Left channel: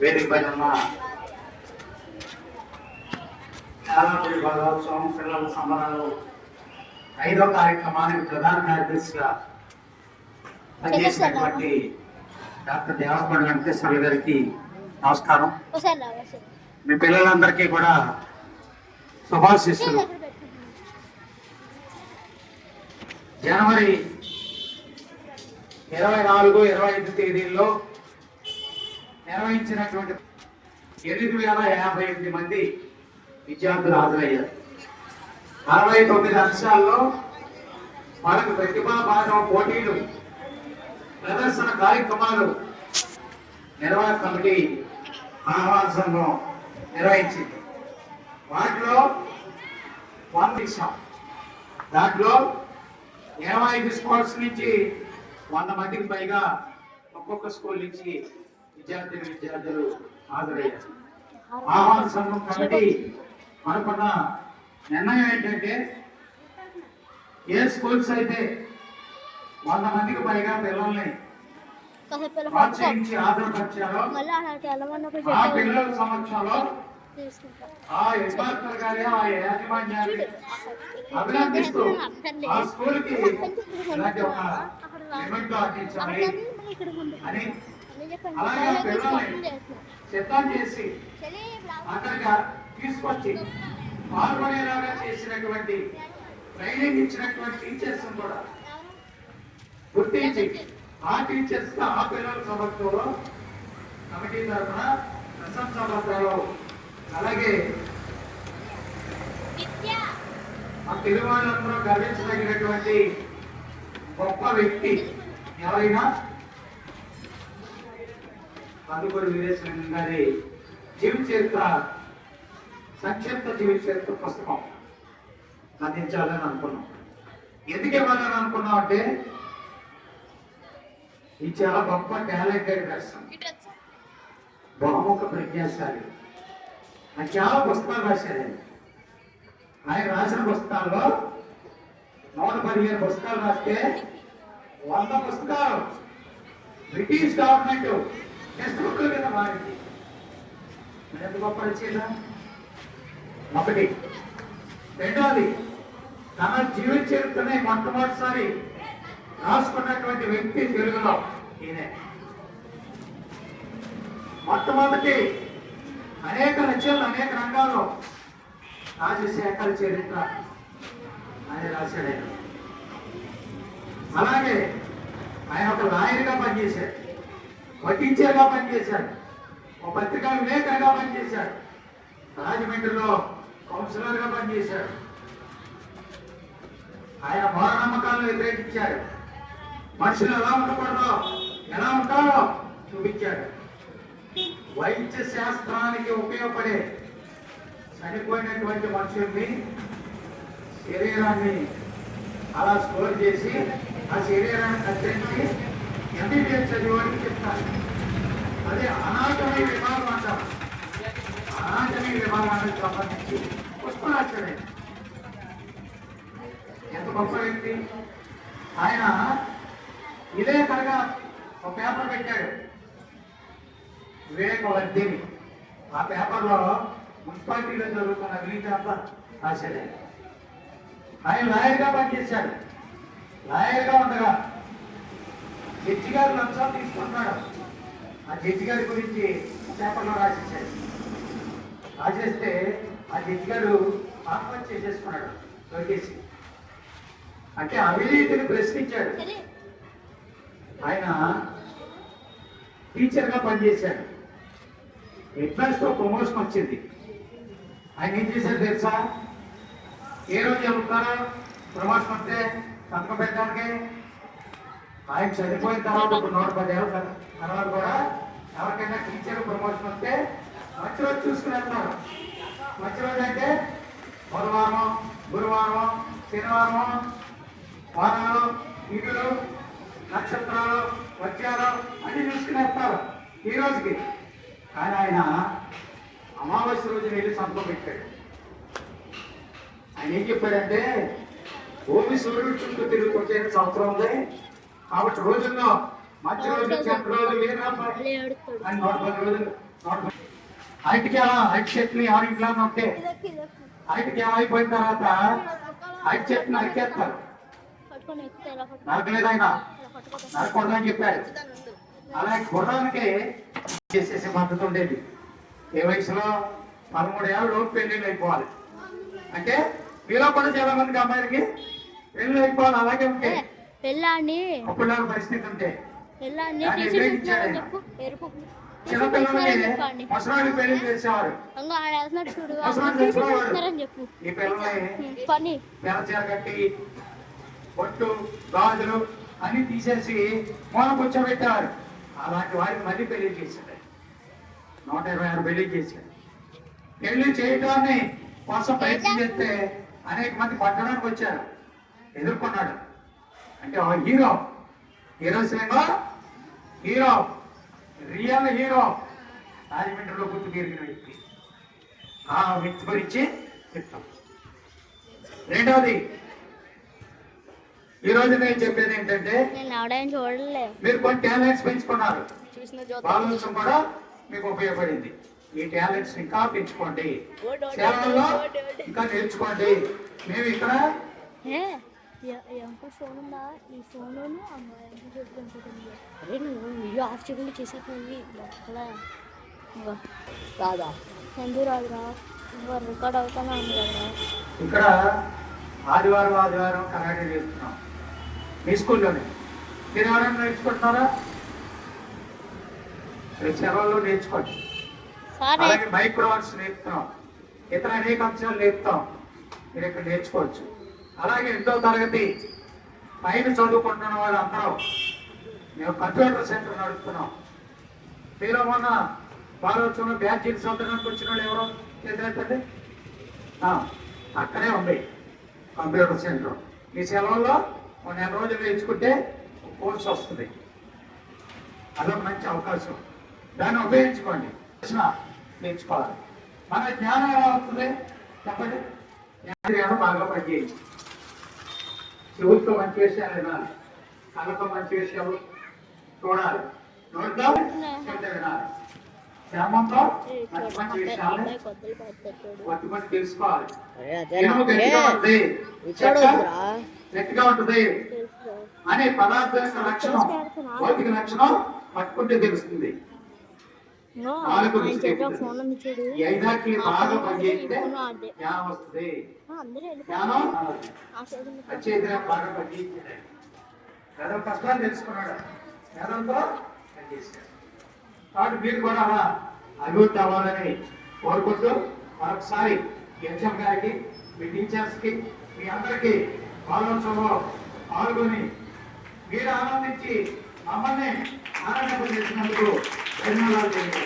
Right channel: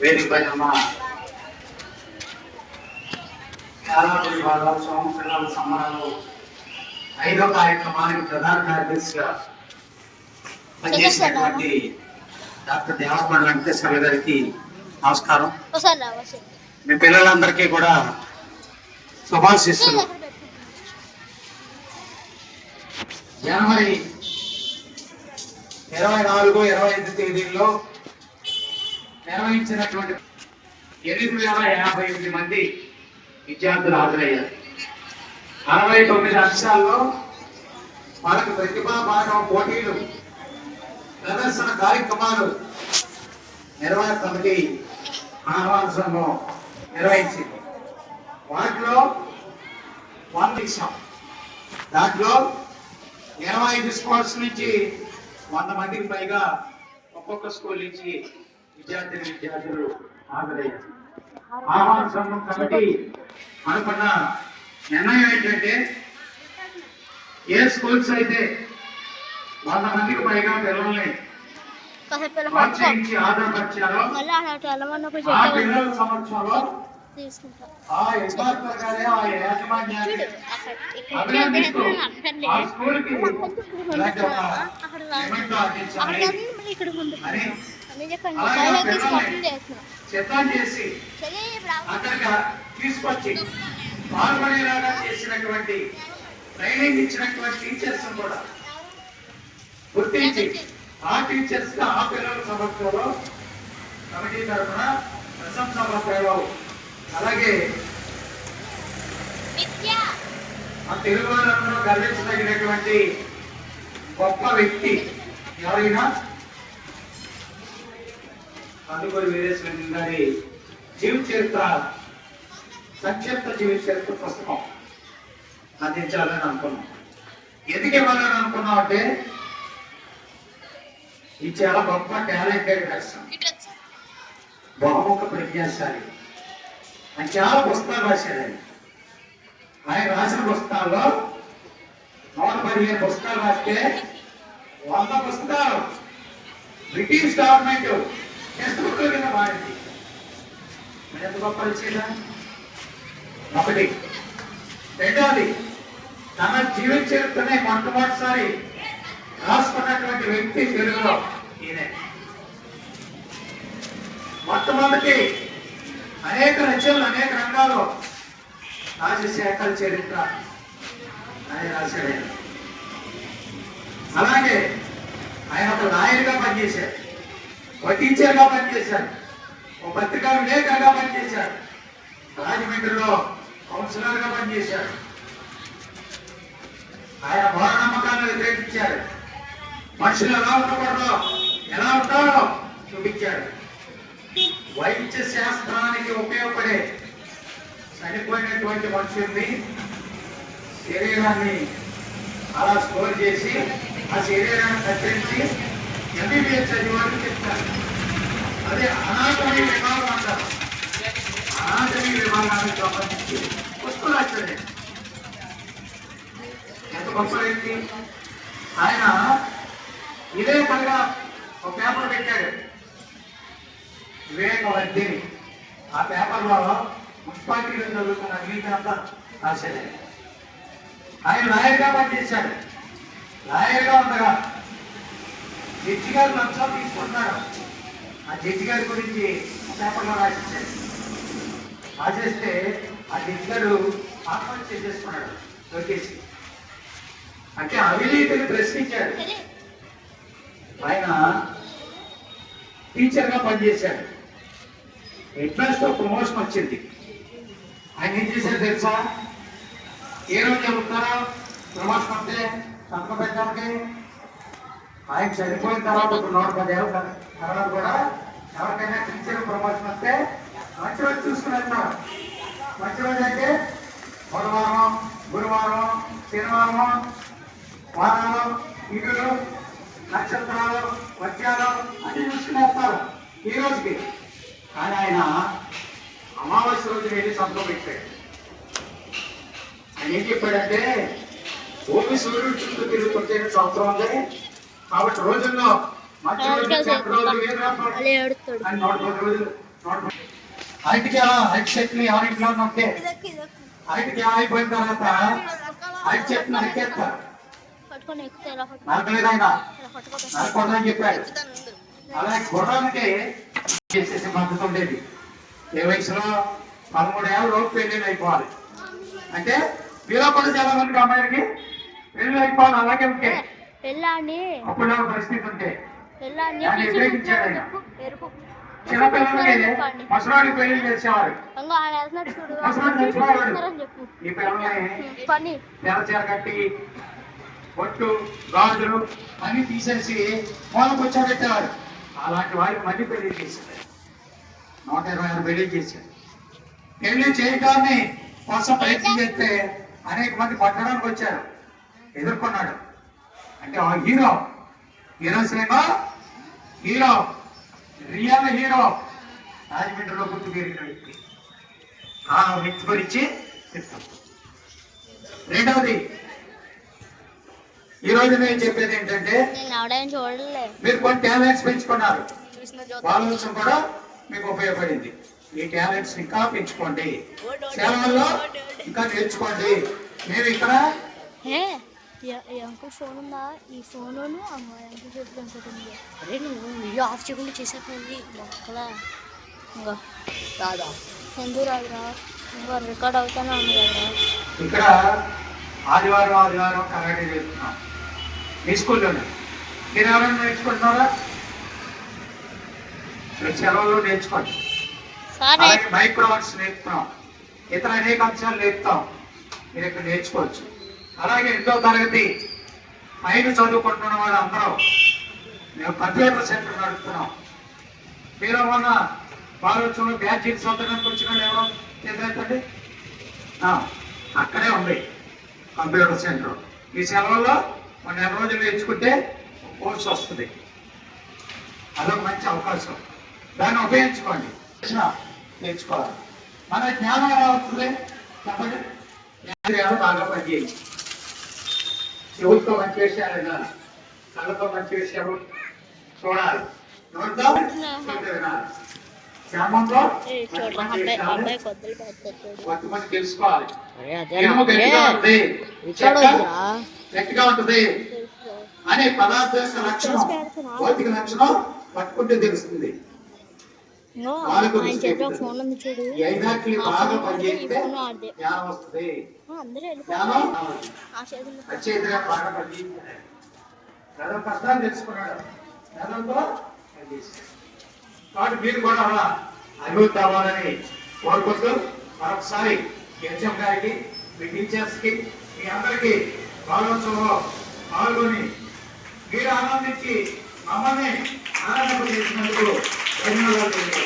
వేదిక పైన ఉన్న చాలా భాగోత్సవం పిల్లల సంబరాలు ఐదో కార్యక్రమానికి ప్రధాన కార్యదర్శిగా పనిచేసినటువంటి డాక్టర్ దేవస్పల్లి వెంకటేశ్వర గారికి నమస్కారం. మీ పిల్లలందరికీ కూడా శుభాశిస్సులు జనవరి ఇరవై నాలుగు ఇరవై ఐదు తేదీల్లో నిర్వహించినటువంటి ఎనిమిది వేల యాభై ఎనిమిది మంది విద్యార్థులు హాజరయ్యారు. అరవై తొమ్మిది అంశాల్లో మనకు ప్రతిభా భాగం పోటీలు ప్రదర్శన కార్యక్రమాలు నిర్వహణ కమిటీ ఆహ్వాన సంఘం నిర్వహించింది. వాటిలో వంద దాంట్లో ఇరవై ఐదు స్కూల్స్ నుంచి వంద మందికి పైగా ఒక్కొక్క స్కూల్ నుంచి విద్యార్థిని విద్యార్థులు హాజరయ్యారు. ఆహ్వాన సంఘం కమిటీ అనుకున్న నిర్ణయం ఏంటంటే ఏ స్కూల్స్ అయితే వంద మందికి పైగా పిల్లల్ని ఆ పిల్లల సమక్షంలో ఆ ఆ యాజమాన్యాన్ని అభినందిస్తూ ఆ స్కూల్కి ఇలాంటి ఒక అందించాలి అని చేసి. అక్కడికి తీసుకొచ్చి పాల్గొనేలాగా చేసినటువంటి ట్రైనింగ్ ఇచ్చినటువంటి టీచర్స్ కూడా గుర్తించి ఆ టీచర్స్ ఆ పిల్లల సమక్షంలో కమిటీ తరఫున ప్రశంసా పత్రాలు అలాగే ఆ తెలుగు వాళ్ళందరూ గర్వించదగినటువంటి గొప్ప వ్యక్తి ఎవరైనా కందుకూరు వీరేశ్వర గారి జీవిత చరిత్ర సంక్షిప్త జీవిత చరిత్ర పుస్తకం. అందించాలని అనుకున్నాం. ఎందుకు ఇవ్వాలని అనుకున్నాం అంటే ఇది చాలా గొప్ప టాలెంటెడ్ పర్సన్ ఇటు బహుముఖ ప్రజ్ఞాశాలి. ఆయన చాలా పుస్తకాలు రాశాడు ఆయన. ఆయన రాసిన పుస్తకాల్లో నూట పదిహేను పుస్తకాలు రాస్తే వంద పుస్తకాలు. బ్రిటిష్ గవర్నమెంట్ టెక్స్ట్ బుక్ల కింద మారింది ఎంత గొప్ప వచ్చిందా ఒకటి. రెండవది తన జీవిత చరిత్రనే మొట్టమొదటిసారి రాసుకున్నటువంటి వ్యక్తి తెలుగులో ఈయనే. మొట్టమొదటి అనేక రచనలు అనేక రంగాల్లో రాజశేఖర చరిత్ర అని రాశాడు అలాగే ఆయన ఒక లాయర్గా పనిచేశారు ఒక టీచర్గా పనిచేశాడు ఒక పత్రికా లేఖగా పనిచేశాడు రాజమండ్రిలో కౌన్సిలర్గా పనిచేశాడు ఆయన మూఢనమ్మకాలను వ్యతిరేకించాడు మనుషులు ఎలా ఉండకూడదు ఎలా ఉంటారో చూపించాడు వైద్య శాస్త్రానికి ఉపయోగపడే చనిపోయినటువంటి మనుషుల్ని శరీరాన్ని అలా స్టోర్ చేసి ఆ శరీరాన్ని కత్తిరించి ఎంబీబీఎస్ చదివాడికి చెప్తారు అదే అనాటమీ విభాగం అంటారు అనాటమీ విభాగానికి సంబంధించి పుస్తకం ఎంత గొప్ప వ్యక్తి. ఆయన ఇదే పనిగా ఒక పేపర్ పెట్టాడు. వివేకవర్ధిని ఆ పేపర్లో మున్సిపాలిటీలో చదువుకున్న అవినీతి అంతా రాశాడు. ఆయన లాయర్గా పనిచేశాడు. లాయర్గా ఉండగా జడ్జి గారు లంచం తీసుకుంటున్నాడు ఆ జడ్జి గారి గురించి పేపర్లో రాసిచ్చారు. రాసేస్తే ఆ జడ్జి గారు ఆత్మహత్య చేసేసుకున్నాడు లోకేష్. అంటే అవినీతిని ప్రశ్నించాడు. ఆయన టీచర్గా పనిచేశాడు. హెడ్మాస్టర్తో ప్రమోషన్ వచ్చింది. ఆయన ఏం చేశారు తెలుసా? ఏ రోజు చెబుతారో ప్రమోషన్ వస్తే సంతకం పెట్టడానికి ఆయన చనిపోయిన తర్వాత ఒక నూట పది ఏళ్ళ తర్వాత కూడా ఎవరికైనా టీచర్ ప్రమోషన్ వస్తే మంచి రోజు చూసుకుని వెళ్తారు మంచి రోజు అంటే బుధవారం గురువారం శనివారం వారాలు ఇటులు నక్షత్రాలు వర్షాలు అన్ని చూసుకుని వస్తారు ఈ రోజుకి. కానీ ఆయన అమావాస్య రోజు వెళ్ళి సంతకం పెట్టాడు. ఆయన ఏం చెప్పాడంటే భూమి సూర్యుడు చుట్టూ తిరుగుతుంటే సంవత్సరం ఉంది. కాబట్టి రోజుల్లో ఉంటే ఏమైపోయిన తర్వాత చెట్లు నరికేస్తారు నరకలేదు ఆయన. నరకూడదని చెప్పాడు. అలాగే గుర్రానికి చేసేసే పద్ధతి ఉండేది. ఏ వయసులో పదమూడు ఏళ్ళ లోపు పెళ్ళిళ్ళు అయిపోవాలి. అంటే మీలో కూడా చాలా మందికి అమ్మాయిలకి పెళ్ళి అయిపోవాలి అలాగే ఉంటే. పెళ్ళాన్ని చెప్పు ఎరుపు. చెప్పు. పని. గాజులు అన్ని తీసేసి మూల కూర్చోబెట్టేవారు అలాంటి వారికి మళ్ళీ పెళ్ళి చేశారు నూట ఇరవై ఆరు పెళ్ళి చేశారు పెళ్ళి చేయడాన్ని కోసం ప్రయత్నం చేస్తే అనేక మంది పట్టడానికి వచ్చారు. ఎదుర్కొన్నాడు. అంటే ఆ hero hero cinema hero real hero రాజమండ్రిలో పుట్టి పెరిగిన వ్యక్తి. ఆ వ్యక్తి గురించి చెప్తాను. రెండవది ఈ రోజు నేను చెప్పేది ఏంటంటే మీరు కొన్ని టాలెంట్స్ పెంచుకున్నారు. వాళ్ళ కూడా మీకు ఉపయోగపడింది. ఈ టాలెంట్స్ ఇంకా పెంచుకోండి. సేవల్లో ఇంకా నేర్చుకోండి. మేము ఇక్కడ ఈ అంకుల్ ఫోన్ ఉందా? ఈ ఫోన్ అమ్మాయి చెప్పుకుంటుంది అరే నువ్వు వీడియో ఆఫ్ చేయకుండా చేసేది ఒక్కలా? ఇంకా. రాదా? ఎందుకు రాదురా. ఇంకా రికార్డ్ అవుతానే ఉంది కదరా ఇక్కడ ఆదివారం ఆదివారం కరాటే చేస్తున్నాం. మీ స్కూల్లోనే? మీరు ఎవరైనా నేర్చుకుంటున్నారా? మీరు సెలవుల్లో నేర్చుకోండి. సరే. అలాగే మైక్రోవర్స్ నేర్పుతాం. ఇతర అనేక అంశాలు నేర్పుతాం. మీరు ఇక్కడ నేర్చుకోవచ్చు. అలాగే రెండో తరగతి పైన చదువుకుంటున్న వాళ్ళు అందరూ. మేము కంప్యూటర్ సెంటర్ నడుపుతున్నాం. మీరు మొన్న బాలోత్సవంలో బ్యాచ్లు చదవడానికి వచ్చిన వాళ్ళు ఎవరో తెలియదండి? అక్కడే ఉంది కంప్యూటర్ సెంటర్. ఈ సెలవుల్లో మన నెల రోజులు ఎంచుకుంటే కోర్స్ వస్తుంది. అదొక మంచి అవకాశం. దాన్ని ఉపయోగించుకోండి. నేర్చుకోవాలి. మన జ్ఞానం ఎలా వస్తుంది? చెప్పండి. బాగా పనిచేయండి చెవులతో మంచి విషయాలు వినాలి. కళ్ళతో మంచి విషయాలు చూడాలి తెలుసుకోవాలి. గట్టిగా ఉంటుంది. అనే పదార్థ లక్షణం భౌతిక లక్షణం పట్టుకుంటే తెలుస్తుంది. ఆయన చేతిలో ఫోన్ ఉంది చూడు. ఆ ఫోన్ వాడితే ఈ ఫోన్ వాడితే అందరూ. ఆ మీరు కూడా అభివృద్ధి అవ్వాలని కోరుకుంటూ మరొకసారి హెచ్ఎం గారికి మీ టీచర్స్కి మీ అందరికీ ఆలోచనలో పాల్గొని మీరు ఆనందించి అమ్మని మమ్మల్ని ఆనందింపజేసినందుకు ధన్యవాదాలు